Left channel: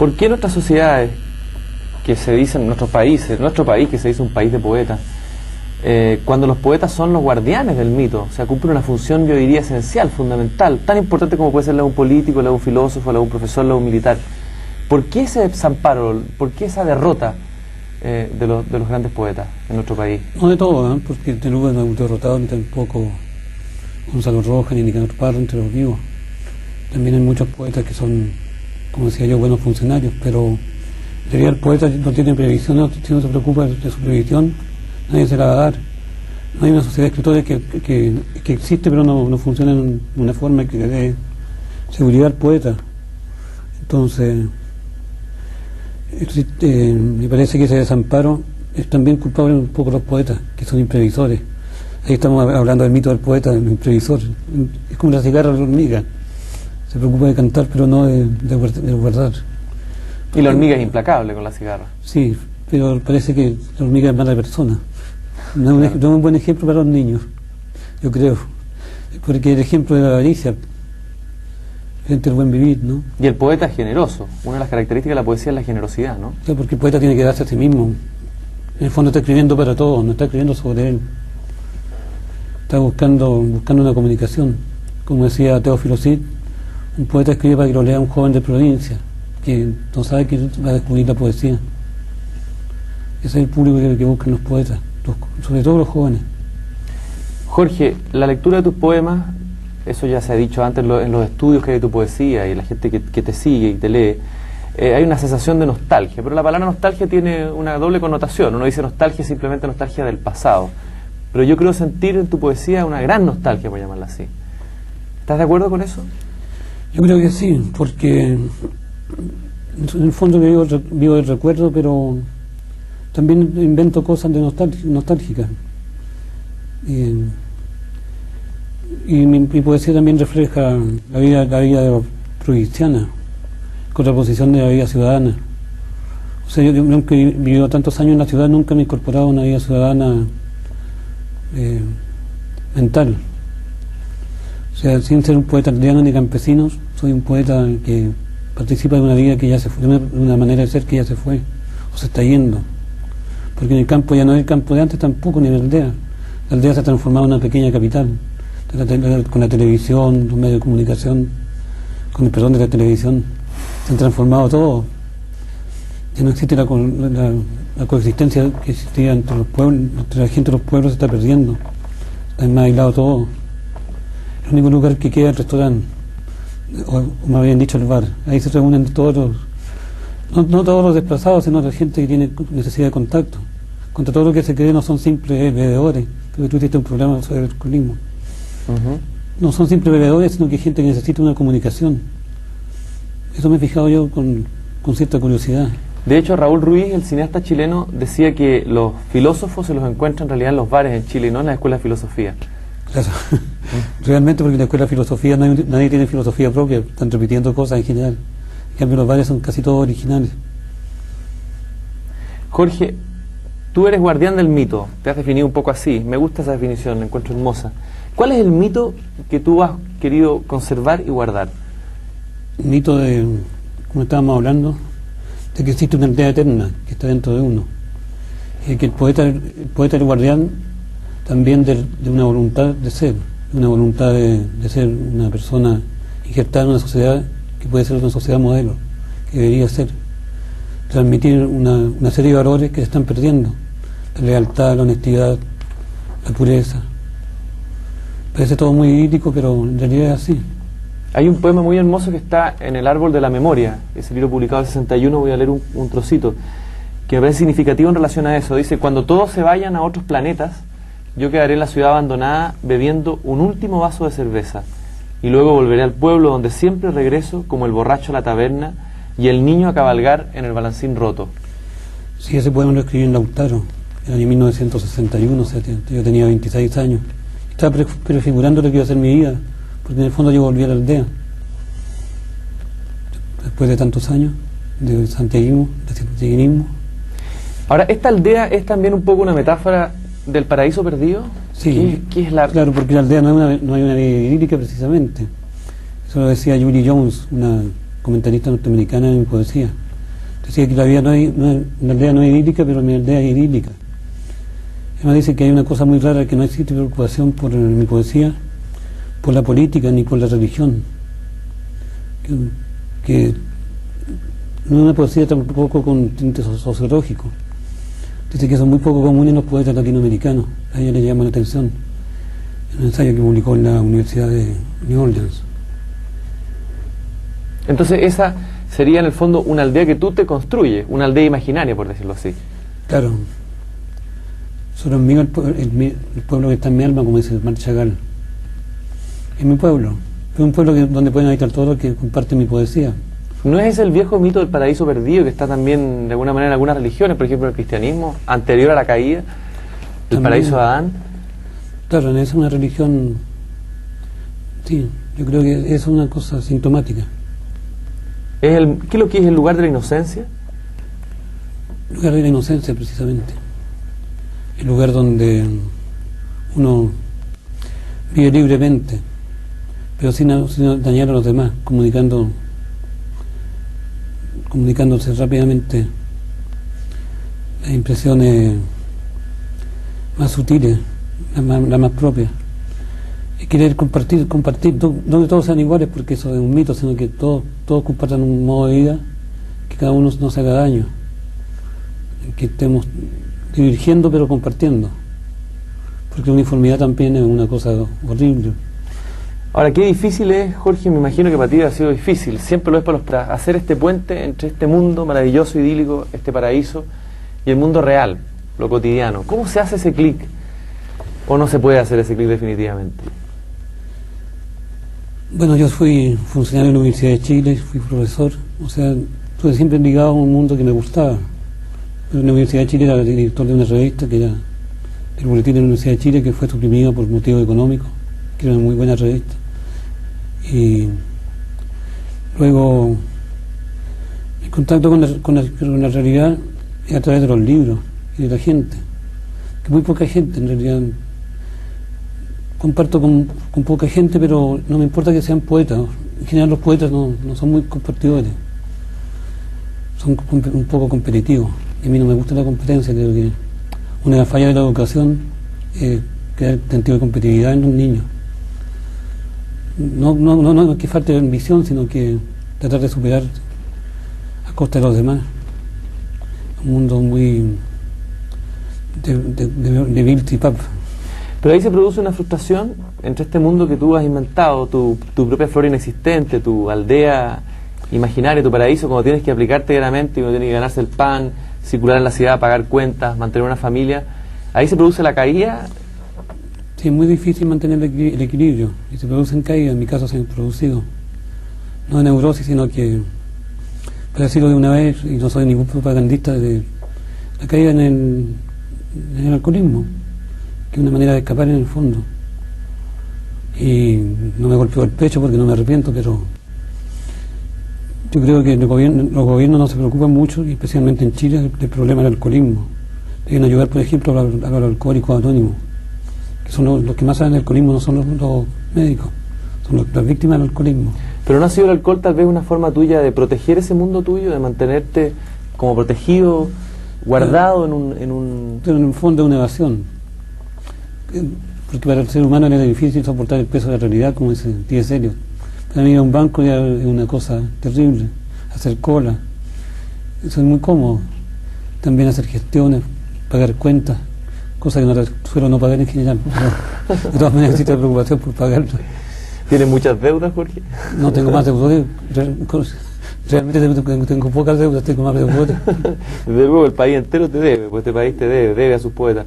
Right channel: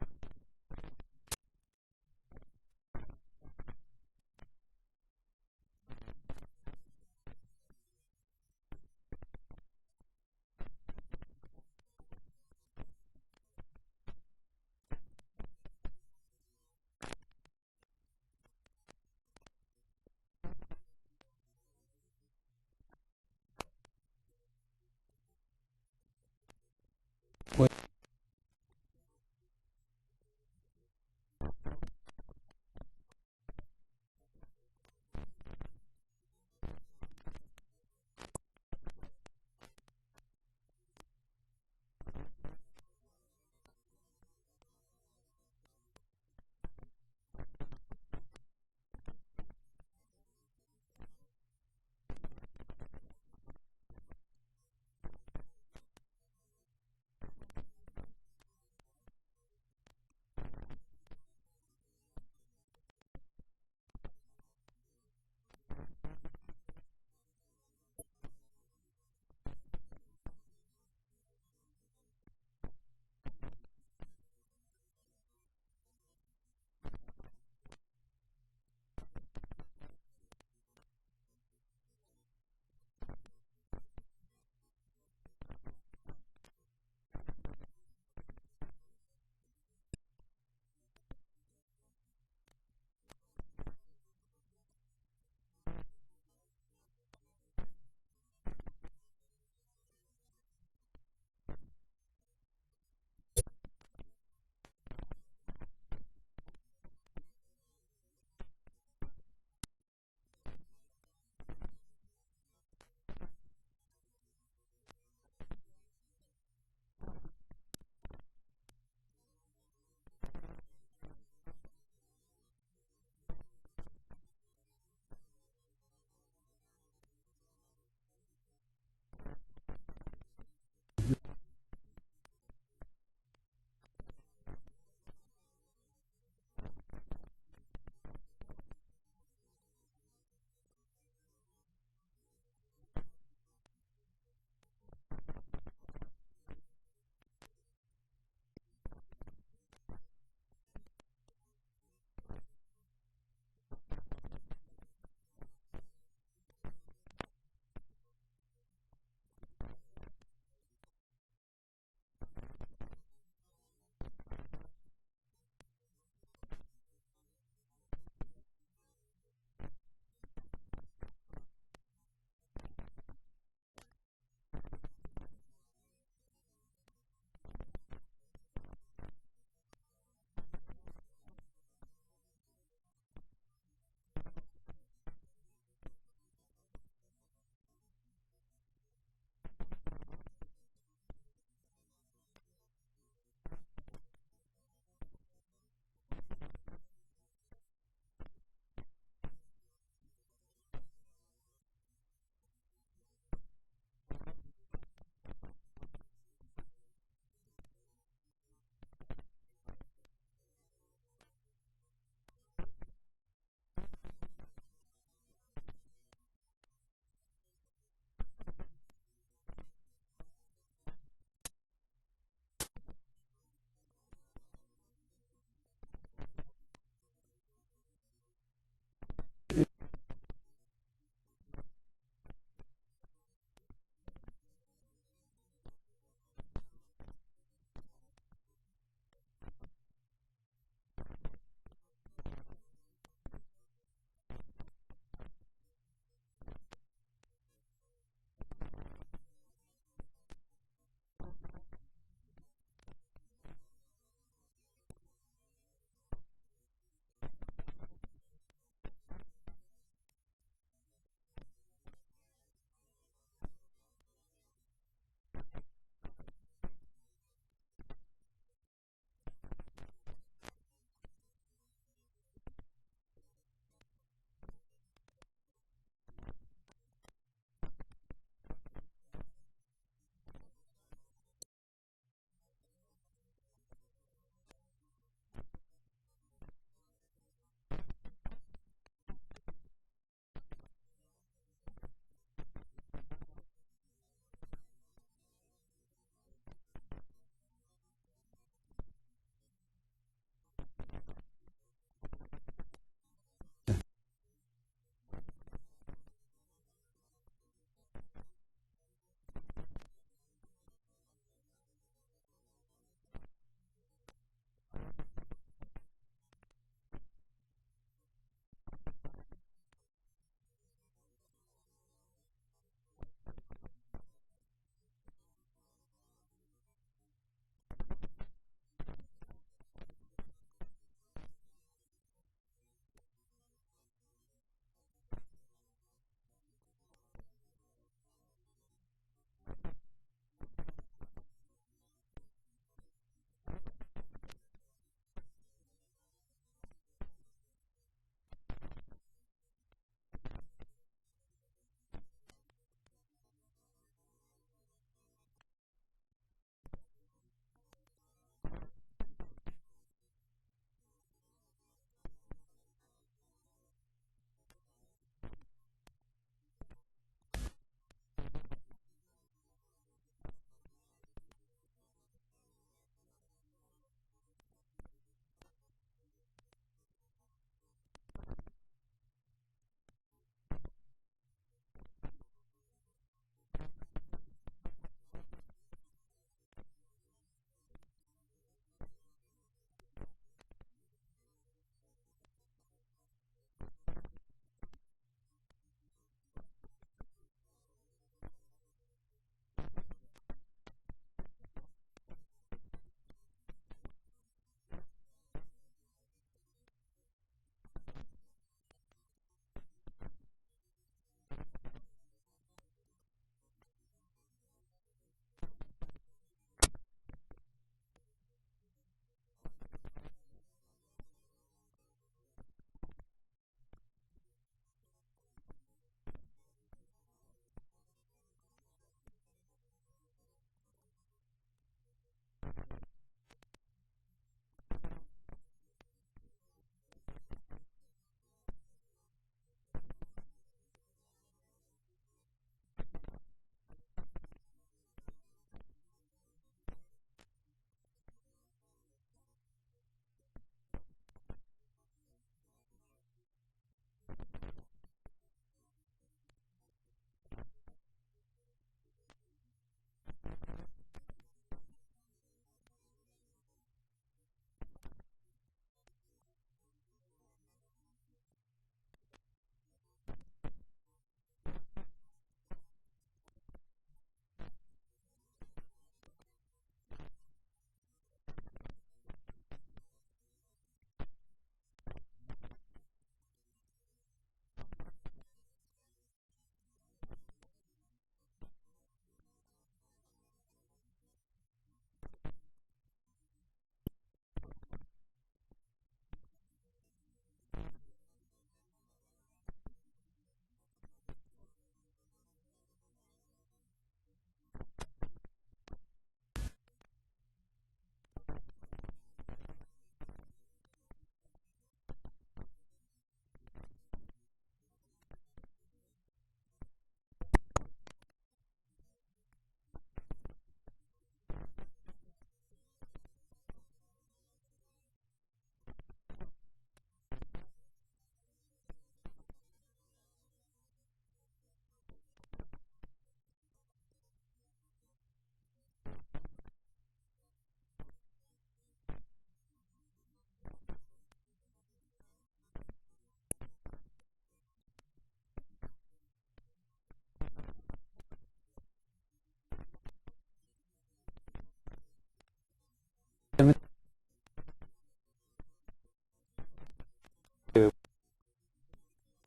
¿Por qué nuestras sociedades, que se dicen, nuestro país que se dice un país de poetas, cuando los poetas son los guardianes del mito, o sea, cumplen una función, yo diría, esencial, fundamental, tan importante como puede ser la de un político, la de un filósofo, la de un profesor, la de un militar? ¿Por qué ese desamparo, por qué esa derrota de los grandes poetas en nuestro país? No de todo, ¿eh? Porque no hubo derrotado ni tampoco Gonzalo Rojas ni Nicanor Parra entre los vivos. También hay muchos poetas que son, como decía yo, buenos funcionarios, pero en realidad el poeta no tiene previsión, si no se preocupa de su previsión, nadie se la va a dar. No hay una sociedad de escritores que existe, pero no funciona en una forma que le dé seguridad al poeta. Entonces, me parece que ese desamparo es también culpable un poco de los poetas, que son imprevisores. Ahí estamos hablando del mito del poeta, del imprevisor. Es como la cigarra de la hormiga. Se preocupa de cantar, pero no de guardar. Y la hormiga es implacable con la cigarra. Sí, pero parece que la hormiga es mala persona. No es un buen ejemplo para los niños, yo creo. Porque el ejemplo de la avaricia, frente al buen vivir, ¿no? Y el poeta es generoso. Una de las características de la poesía es la generosidad, ¿no? Sí, porque el poeta tiene que darse a sí mismo. En el fondo está escribiendo para todos, no está escribiendo sobre él. Está buscando una comunicación. Como decía Teófilo Cid, un poeta escribe para que lo lea un joven de provincia, que no sabe que va a descubrir la poesía. Ese es el público que buscan los poetas, sobre todo los jóvenes. Jorge, la lectura de tus poemas, eso ya se ha dicho antes en los estudios que hay de tu poesía y la gente que te sigue y te lee, hay una sensación de nostalgia, pero la palabra nostalgia tiene una doble connotación. Uno dice nostalgia, simplemente nostalgia del pasado, pero yo creo sentir en tu poesía una gran nostalgia, por llamarla así. ¿Estás de acuerdo con eso? Yo creo que sí, porque en el fondo vivo el recuerdo, pero también invento cosas de nostálgicas. Y mi poesía también refleja la vida provinciana, contraposición de la vida ciudadana. O sea, yo aunque he vivido tantos años en la ciudad, nunca me he incorporado a una vida ciudadana mental. O sea, sin ser un poeta aldeano ni campesinos, soy un poeta que participa de una vida que ya se fue, de una manera de ser que ya se fue, o se está yendo. Porque en el campo ya no es el campo de antes tampoco, ni la aldea. La aldea se ha transformado en una pequeña capital. Con la televisión, los medios de comunicación, con el perdón de la televisión, se han transformado todo. Ya no existe la coexistencia que existía entre los pueblos, entre la gente de los pueblos se está perdiendo. Está más aislado todo. El único lugar que queda es el restaurante, o me habían dicho el bar. Ahí se reúnen todos no todos los desplazados, sino la gente que tiene necesidad de contacto. Contra todo lo que se cree no son simples bebedores. Creo que tú tuviste un problema sobre el alcoholismo. No son simples bebedores, sino que hay gente que necesita una comunicación. Eso me he fijado yo con cierta curiosidad. De hecho, Raúl Ruiz, el cineasta chileno, decía que los filósofos se los encuentran en realidad en los bares en Chile y no en la escuela de filosofía. Claro. Realmente, porque en la escuela de filosofía nadie tiene filosofía propia, están repitiendo cosas en general. En cambio, los bares son casi todos originales. Jorge, tú eres guardián del mito, te has definido un poco así, me gusta esa definición, la encuentro hermosa. ¿Cuál es el mito que tú has querido conservar y guardar? El mito de, como estábamos hablando, de que existe una aldea eterna que está dentro de uno. Y que el poeta es el guardián también de una voluntad de ser, una voluntad de ser una persona injertada en una sociedad que puede ser una sociedad modelo, que debería ser. Transmitir una serie de valores que se están perdiendo: la lealtad, la honestidad, la pureza. Parece todo muy idílico, pero en realidad es así. Hay un poema muy hermoso que está en El árbol de la memoria, ese libro publicado en el 61, voy a leer un trocito, que me parece significativo en relación a eso. Dice: cuando todos se vayan a otros planetas, yo quedaré en la ciudad abandonada bebiendo un último vaso de cerveza, y luego volveré al pueblo donde siempre regreso como el borracho a la taberna y el niño a cabalgar en el balancín roto. Sí, ese poema lo escribí en Lautaro, en el año 1961, o sea, yo tenía 26 años. Estaba prefigurando lo que iba a ser mi vida, porque en el fondo yo volví a la aldea. Después de tantos años de santiaguismo. Ahora, ¿esta aldea es también un poco una metáfora del paraíso perdido? Sí, ¿Qué es la...? Claro, porque la aldea no hay una vida idílica precisamente. Eso lo decía Julie Jones, una comentarista norteamericana en mi poesía. Decía que la vida la aldea no es idílica, pero mi aldea es idílica. Además dice que hay una cosa muy rara, que no existe preocupación por mi poesía, por la política ni por la religión. Que no es una poesía tampoco con tinte sociológico. Dice que son muy poco comunes los poetas latinoamericanos. A ella le llama la atención en un ensayo que publicó en la Universidad de New Orleans. Entonces esa sería en el fondo una aldea que tú te construyes, una aldea imaginaria, por decirlo así. Claro. Solo es mío el pueblo que está en mi alma, como dice Marc Chagall. Es mi pueblo. Es un pueblo donde pueden habitar todos los que comparten mi poesía. ¿No es ese el viejo mito del paraíso perdido que está también de alguna manera en algunas religiones, por ejemplo el cristianismo, anterior a la caída, el paraíso de Adán? Claro, es una religión, sí, yo creo que es una cosa sintomática. ¿Qué es lo que es el lugar de la inocencia? El lugar de la inocencia, precisamente. El lugar donde uno vive libremente, pero sin dañar a los demás, comunicándose rápidamente las impresiones más sutiles, las más propias. Y querer compartir, donde todos sean iguales, porque eso es un mito, sino que todos compartan un modo de vida, que cada uno no se haga daño, que estemos divergiendo pero compartiendo, porque la uniformidad también es una cosa horrible. Ahora, qué difícil es, Jorge, me imagino que para ti ha sido difícil, siempre lo es para hacer este puente entre este mundo maravilloso, idílico, este paraíso, y el mundo real, lo cotidiano. ¿Cómo se hace ese clic? ¿O no se puede hacer ese clic definitivamente? Bueno, yo fui funcionario de la Universidad de Chile, fui profesor, o sea, estuve siempre ligado a un mundo que me gustaba. En la Universidad de Chile era director de una revista que era el Boletín de la Universidad de Chile, que fue suprimida por motivos económicos, que era una muy buena revista. Y luego el contacto con la realidad es a través de los libros y de la gente, que muy poca gente en realidad. Comparto con poca gente, pero no me importa que sean poetas. En general los poetas no son muy compartidores, son un poco competitivos, y a mí no me gusta la competencia. Creo que una de las fallas de la educación es crear sentido de competitividad en los niños. No que falte ambición, sino que tratar de superar a costa de los demás. Un mundo muy de Bill Pap. Pero ahí se produce una frustración entre este mundo que tú has inventado, tu propia flora inexistente, tu aldea imaginaria, tu paraíso, cuando tienes que aplicarte diariamente y uno tiene que ganarse el pan, circular en la ciudad, pagar cuentas, mantener una familia. Ahí se produce la caída. Sí, es muy difícil mantener el equilibrio, y se producen caídas. En mi caso se han producido, no de neurosis, sino que, para decirlo de una vez, y no soy ningún propagandista, de la caída en el alcoholismo, que es una manera de escapar en el fondo. Y no me golpeó el pecho porque no me arrepiento, pero yo creo que los gobiernos no se preocupan mucho, y especialmente en Chile, del problema del alcoholismo. Deben ayudar, por ejemplo, a los alcohólicos anónimos, que son los que más saben del alcoholismo, no son los médicos, son las víctimas del alcoholismo. Pero ¿no ha sido el alcohol tal vez una forma tuya de proteger ese mundo tuyo, de mantenerte como protegido, guardado en un... Pero en el fondo es una evasión, porque para el ser humano era difícil soportar el peso de la realidad, como dice T.S. Eliot. Para mí ir a un banco ya es una cosa terrible, hacer cola, eso es muy cómodo. También hacer gestiones, pagar cuentas, cosas que no suelo no pagar en general, pero de todas maneras existe la preocupación por pagarlo. ¿Tienes muchas deudas, Jorge? No tengo más deudas, realmente tengo pocas deudas, tengo más deudas. Desde luego el país entero te debe, pues este país te debe a sus poetas.